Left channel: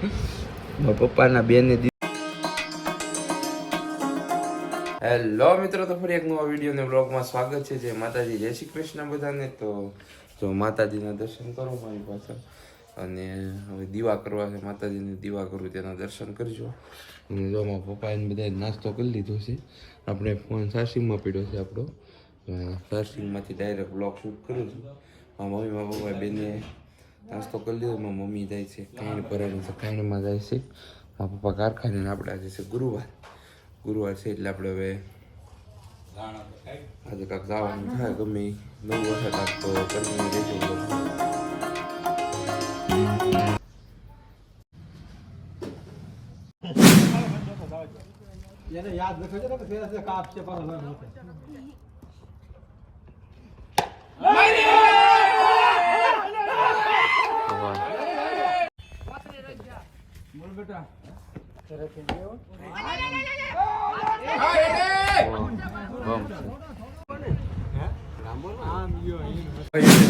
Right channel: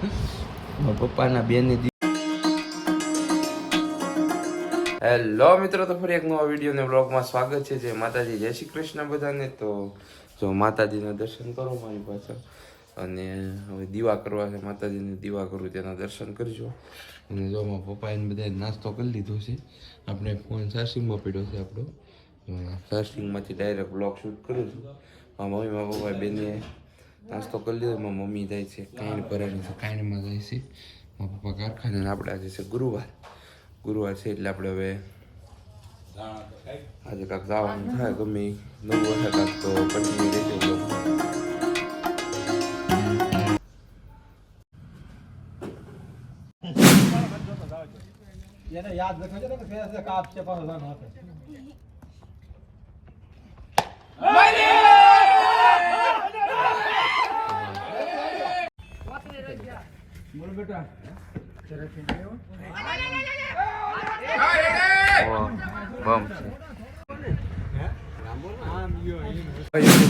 પપ્પાના બેને હેલો મિત્રો, તો ફરી એક નવા વિડીયો ને બ્લોગમાં સ્વાગત છે. જય માતાજી, જય શ્રી કૃષ્ણ બધાને. તો જો માતાજીના દર્શન કરો મારી પાસે, અને હવે દીવા કરવા છે. માતાજીને દીવા કરું તેના દર્શન કરજો. અને જો મારા પપ્પાએ બધા નાસ્તો કરી લીધો છે. આપણે ફોન ચાર્જિંગમાં પડ્યો છે આપણો, ચાર્જિંગમાંથી ડાયરેક્ટ બ્લોગ શૂટ કરું છું. મારા મમ્મી મારા પપ્પા બેને નાસ્તો કરી લીધો. મારા મમ્મી જાય છે કાંઈ ભરાણી છે, કાંઈમાં જાય છે. મારા પપ્પા કારખાને. આપણે આજે છે ગુરુવાર છે, એટલે આપણે હવે આજે કાંક જવાનું થાય. ગમે નવું વર્ષે કાંક તો કન્ટિન્યુ રહેજો બ્લોગમાં. એને યાદ રાખજો કે ફેર કાપ છે પણ હવે ના બોલ બેટા તેરે થી ગયો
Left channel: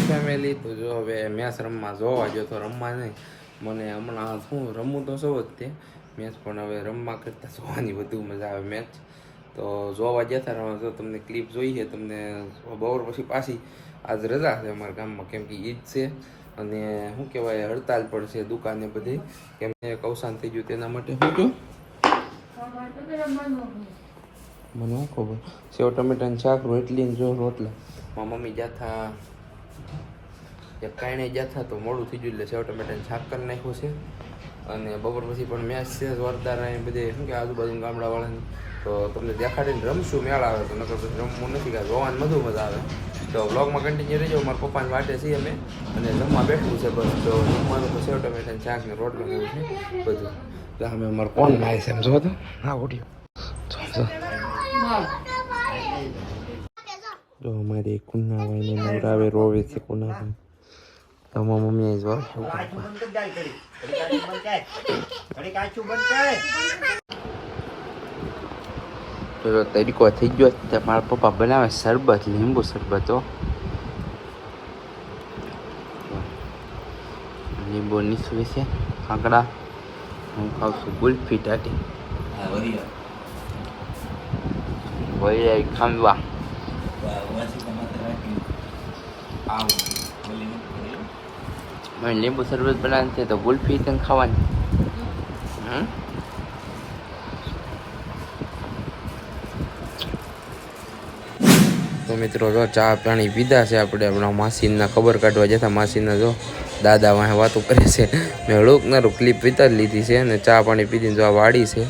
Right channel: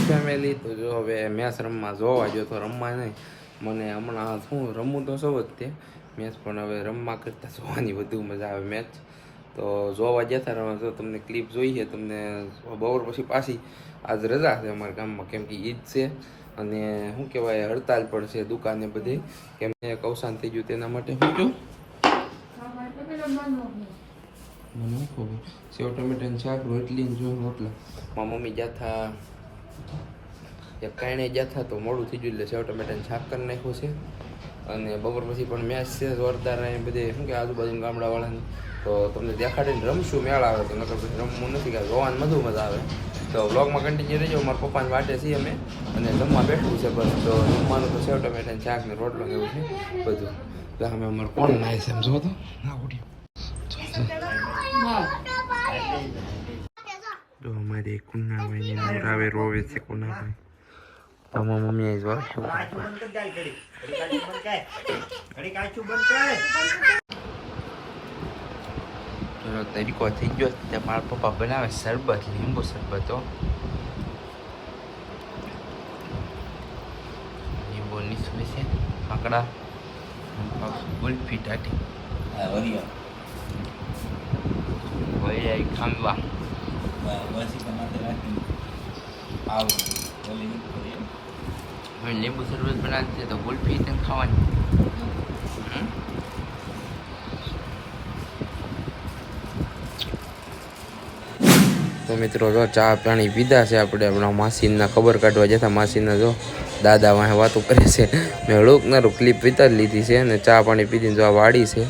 ફેમિલી. તો જો હવે મેચ રમવા જોવા ગયો તો રમવા નહીં. મને હમણાં શું રમવું તો સૌ જ તે મેચ, પણ હવે રમવા કરતાં જોવાની વધુ મજા આવે મેચ. તો જોવા જતા રહો. તો તમને ક્લિપ જોઈએ તમને બપોર પછી પાછી આજ રજા છે અમારા ગામમાં, કેમ કે ઈદ છે અને શું કહેવાય હડતાલ પણ છે દુકાને બધી, કેમ કે અવસાન થઈ ગયું તેના માટે. શું કહ્યું મને શું ખબર. સેવ ટમેટાનું શાક, રોટલી ને જો રોટલા. મારા મમ્મી જાથા એક કારણે જાથા તો મોડું થઈ ગયું, એટલે સેવ ટમેટાનું શાક કરી નાખ્યું છે. અને બપોર પછી પણ મેચ છે જોરદાર. બધે શું કે આજુબાજુ ગામડાવાળાની તો તમને દેખાડીને રમશું. મેળ આવે તો નકર પછી રમવું નથી, કે જોવાની બધુ મજા આવે. તો વ્લોગમાં કન્ટિન્યુ રહેજો. મારા પપ્પાની વાટે છીએ અમે, અને જમવા બેઠવું છે બસ. તો જમવાનું તો સેવ ટમેટાનું શાક ને રોટલો ને એવું છે બધું. તો અમે અમારે કોણ નાય છે એમ જો તો હા ઓડિયો જો અમારી કુન્નાભાઈ ને નવરાવે રોવે છે. કુન્નાભાઈ તમારા મમ્મી આવી જો તરીકો થઈ ગયો. ત્યાં મારા પપ્પા બનાવે શરબત, લીંબુ શરબતો. લીંબુ નીસવે છે, કાંકડા. હું ખાઉં છું ગુલ્ફી ટાટી. વળી ખાંડવા. લીંબુ શરબત બનાવે છે તો ગુલ્ફી તેને ખાવાની. તો મિત્રો જો ચા પાણી પીધા છે. આપણે આપણા માસીના ખબર કાઢવા જતા. માસીના જો દાદા વાંહે વાતો કરે છે. મેં હળુકનારું ક્લિપ વિતારી લીધી છે, અને ચા પાણી પીધીને જો આ વાડી છે,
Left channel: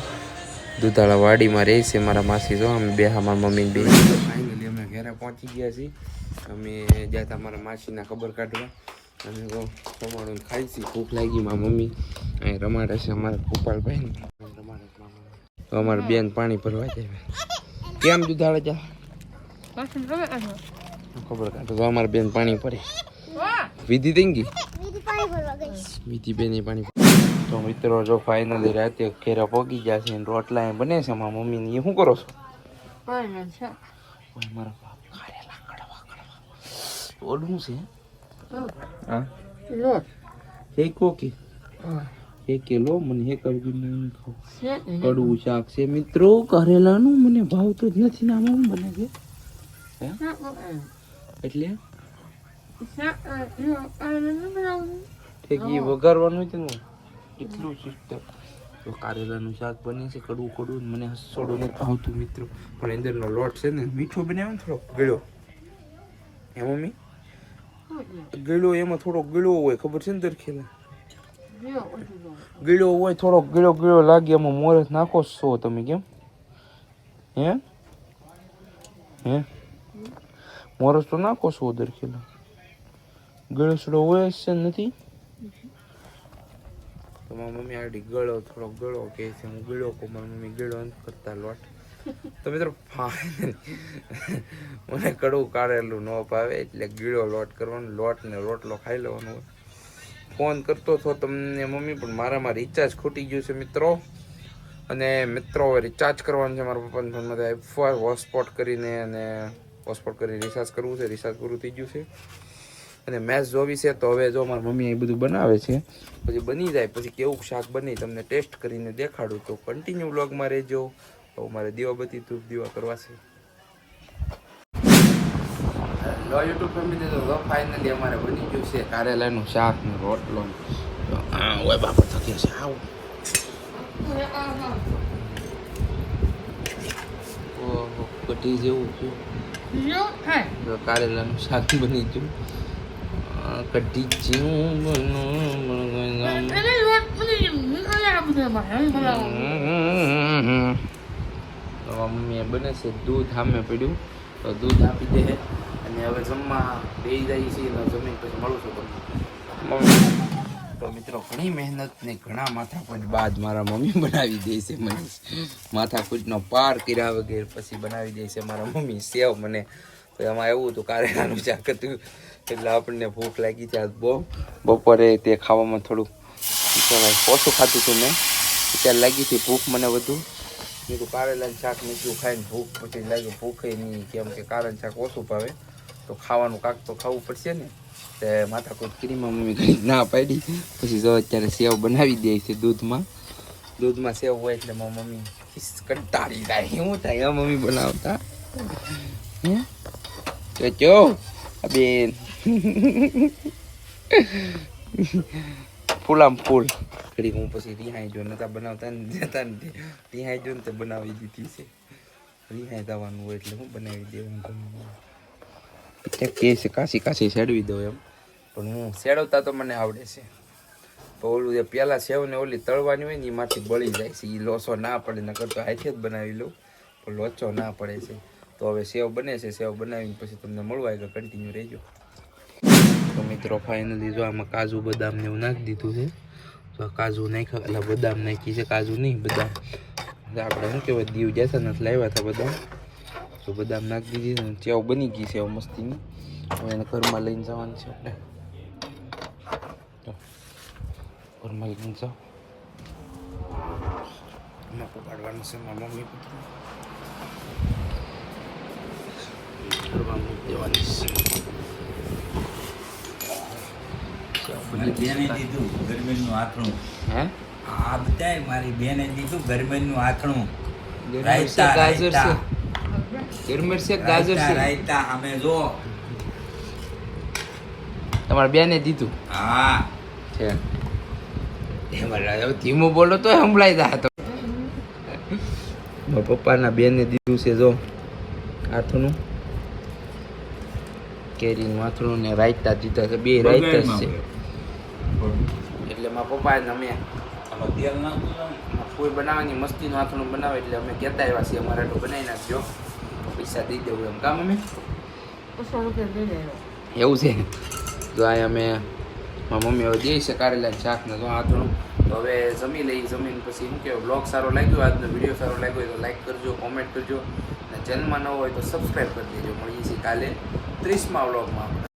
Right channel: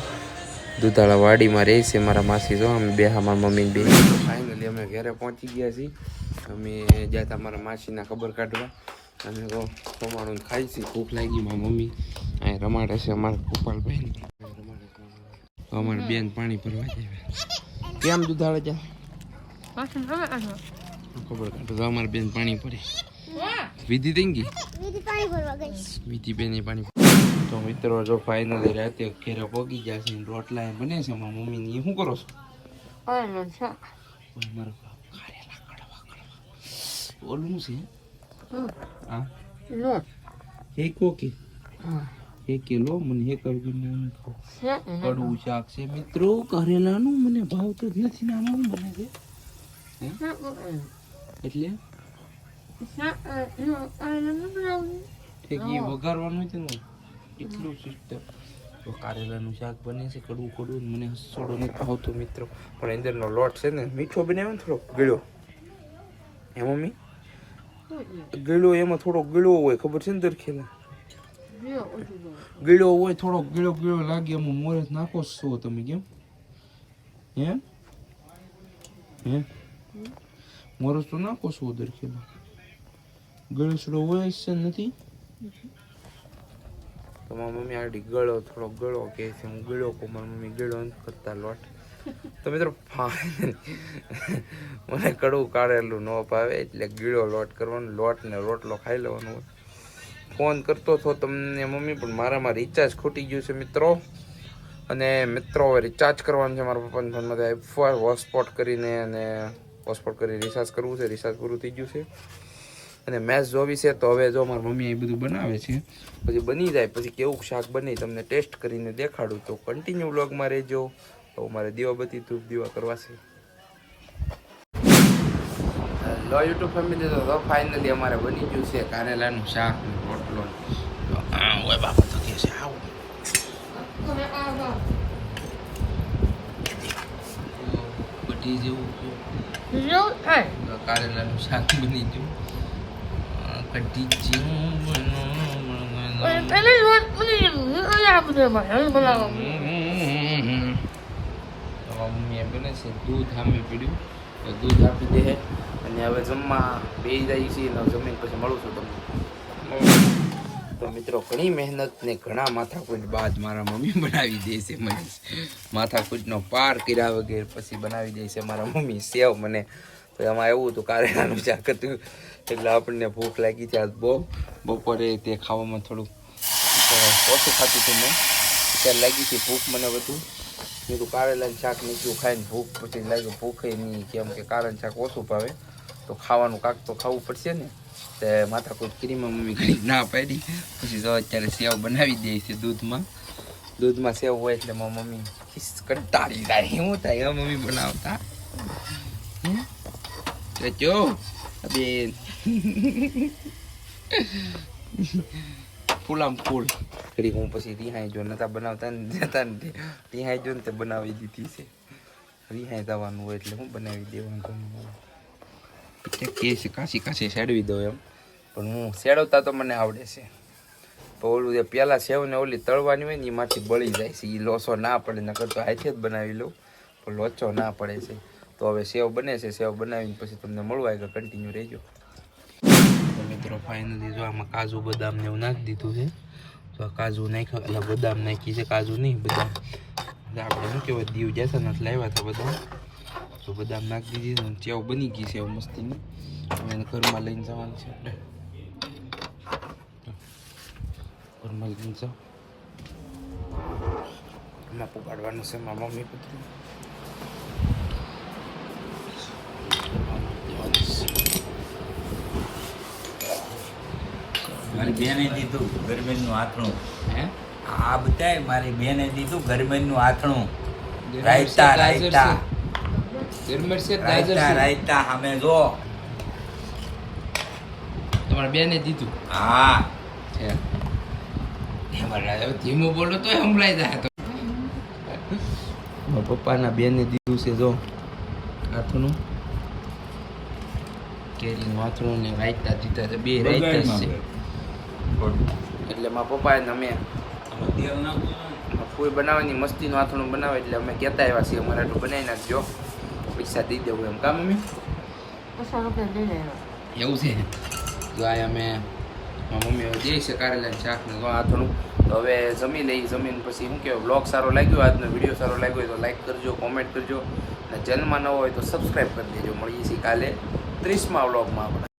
દુધાળા વાડીમાં રહે છે મારા માસી. જો અમે બે મારા મમ્મીને બે. તો ફાઇનલી અમે ઘરે પહોંચી ગયા છીએ. અમે જતા મારા માસીના ખબર કાઢવા, અને તો રમાડું ખાઈ છીએ. ભૂખ લાગી. મારા મમ્મી અહીં રમાડે છે અમારા ગોપાલભાઈ. તો અમારે બેન પાણી ભરવા જાય. કેમ દુધાળા જા ખબર કાઢો. તો અમારે બેન પાણી ભરે. વિધિ થઈ ગઈ, વિધિ બેન પાણી. તો મિત્રો જો ફાઇનલી રાતે ઘેરા પગી ગયા છે. રોટલા એ બને છે મારા મમ્મી ને. એ શું કરો છો? ઓલું છે હા હેકો કે હેકે લો. મને હેક કડવું શાક છે મિત્રો. કરેલાનું મને ભાવતું જ નથી. ને આમાં બને છે એટલે વઘારવાનું છે ને એટલું સિસ્ટમ. તો કારેલાનું શાક બને છે કડવું કડવું. મને હસોડું નથી ભાવતું મિત્રો. પણ અંદરનો લોટ છે ને મીઠો બનાવ્યો ને થોડોક ગળ્યો. એ મમ્મી ગળ્યો એમાં થોડોક ગળ્યો હોય ખબર છે ને દરખેલા ગળ્યો હોય થોડોક ગળ્યો લાગે. એમાં મોરસ નાખો છો તમે કેમ? હે મોરસ તો નાખો છો દરખેલા. ગળસડો હોય છે નથી. તો મારી મમ્મી આડી ગળો થોડોક ગળો કહે છે. હું ગળો કહું, મારી મમ્મી ગળો નથી કરતા લોટ. તો મિત્રો મને કડવું કાઢેલું ન ભાવે, એટલે ગીળો લોટ કરવાનો. લોટ ને રોટલો ખાઈ લેવાનો. ફોન કરતો હતો તમને મમ્મી, પણ મારામાં રિચાર્જ ખૂટી ગયું છે મિત્રો. અને મિત્રો હવે રિચાર્જ કરવાનું છે મારા પપ્પાના ફોનમાંથી. હોટસ્પોટ કરીને અને હોટસ્પોટ કરી રિચાર્જ કરવું છે. રિચાર્જ પૂરું થઈ ગયું છે. અને મેચ જોવી છે તો હવે જો મારી મમ્મી એ બધું બનાવે છે, પછી બની જાય પછી કેવું શાક બને તમને ટેસ્ટ કરીને દેખાડું. તો કન્ટિન્યુ વ્લોગમાં રહેજો. તો મારે દીવાબત્તી ધૂપ દીવા કરવા છે. લો યુટ્યુબ ફેમિલી, તો ફાઇનલી અમારે બની ગયું છે કારેલાનું શાક ને રોટલો. ઓય બાપા થકી છે આવ. કઢી જેવું તો કારેલાનું શાક બની ગયું. કઢી મમ્મીએ બને છે દૂધ સામે પડ્યું, તો દૂધ આપી દે અને હવે જમવા બેસી જાય છે. જમીન પછી મળું છું તમને. તો મિત્રો ઘણી મહેનત ને ઘણા માથાકૂટ બાદ મારા મમ્મી બનાવી દે છે મને. માથાકૂટનો પાર કર્યા વગર પછી બનાવી દે છે મારા મમ્મી સેવ મને. તો એમાં એવું હતું કારેલાનું શાક હતું એટલે આપણને ભૂખ લાગી છે આજ બહુ. બપોરે તે ખાવામાં થોડુંક ઓછું ખાતું હતું મેં, અત્યારે લાગી હતી ભૂખ મને વધુ. મેં તો કારેલાનું શાક નીકળ્યું ખાઈને ભૂખ પછી લાગ્યું ભૂખે નહીં, કેમ કે કારેલાનું શાક ઓછું ભાવે તો ખાવાનું કાંક તો ખાવું પડશે ને. તે માથાકૂટ કરીમાં મમ્મી ઘણી ના પાડી. પછી જો અત્યારે સેવ બનાવી દે છે દૂધમાં સેવ હોય એટલે મારી મમ્મી કંટાળી જાય. શું થાય મમ્મી બનાવતા જો બેન ફૂલામ ફૂલ કરી. હું પછી રિહાઈ જો નતા બનાવતા ને જતા ને રિહાઈ જો ને તે બનાવી દીધી છે. રિહાઈ જવાનું હોય એટલે હું બનાવી દેવાનું. કે છે કાશી શેડવી દો એમ, પણ હું શેડવતા તો મને આવડે છે. તો ઓલું જે પહેલાં સેવ ને ઓલી તળવાની હોય ને એમાંથી બળી જાય છે, એ લોચો ના પડે. નકર તો હાથે જ બનાવી લઉં પણ લોચો ના પડે છે. તો હવે સેવ બને છે, સેવ બનાવીને પછી તમને મળવા આગળ કન્ટિન્યુ રહેજો. તો મિત્રો ફાઇનલી જો આમાં કાજુ બદામ ને એવું નાખી દીધું છે. તો કાજુ નાખ્યા એટલે બદામ નાખી છે, કાજુ નહીં બદામ. આપણે શું કહેવાય દીવ જશે નથી લાવ્યા હતા બદામ, તો બદામ નાખી દીધી. ચેવ બની ગઈ છે મસ્તીની. હવે એને ઘરમાં લઈને જવાની છે આપણે. ઘરમાં લઈને જાઓ, એમાં પકાડવાનું છે મારા મમ્મી બધું ઘરમાં મૂકી દેવાની છે. મારી બેને દીધું ગરમીનું આથણું. હે આ બધાય મારી બેને દીધું ગરમીનું આથણું. રાયતા ગાજર છે, ગરમર છે ગાજર છે. રાયતા અમે જો તમારા બેને દીધું. હા છે ધીમો બોલો તો સંભળાઈ જાય. તો મારા પપ્પાના બેને દીધું છે જો આથણું, કેરીનું આથણું ને રાયતા દીધા છે. બે રાયતા છે એટલે મારા પપ્પા ને અમે તેલ નાખું ફૂલ બનાવવાની મસ્તીનું આથણું બનાવે એટલે અમે કહેતા આવ્યા છીએ અમારે આટલું બનાવી નાખજો, પૈસા દઈ દેવું એમ. કા મમ્મી એવું છે. જો આ અમે મારા મમ્મી હવે દે છે કારેલાનું શાક ને જો આથણું. તો હવે જમી લઈ, જમીન પછી શું કહેવાય બ્લોગ સારો લાગ્યો, આજનો વિડીયો સારો લાગ્યો હોય તો લાઈક કરજો, કોમેન્ટ કરજો અને ચેનલમાં ન હોય તો સબસ્ક્રાઈબ કરી દેજો. મળીએ છીએ કાલે 30મા વ્લોગમાં આપણે.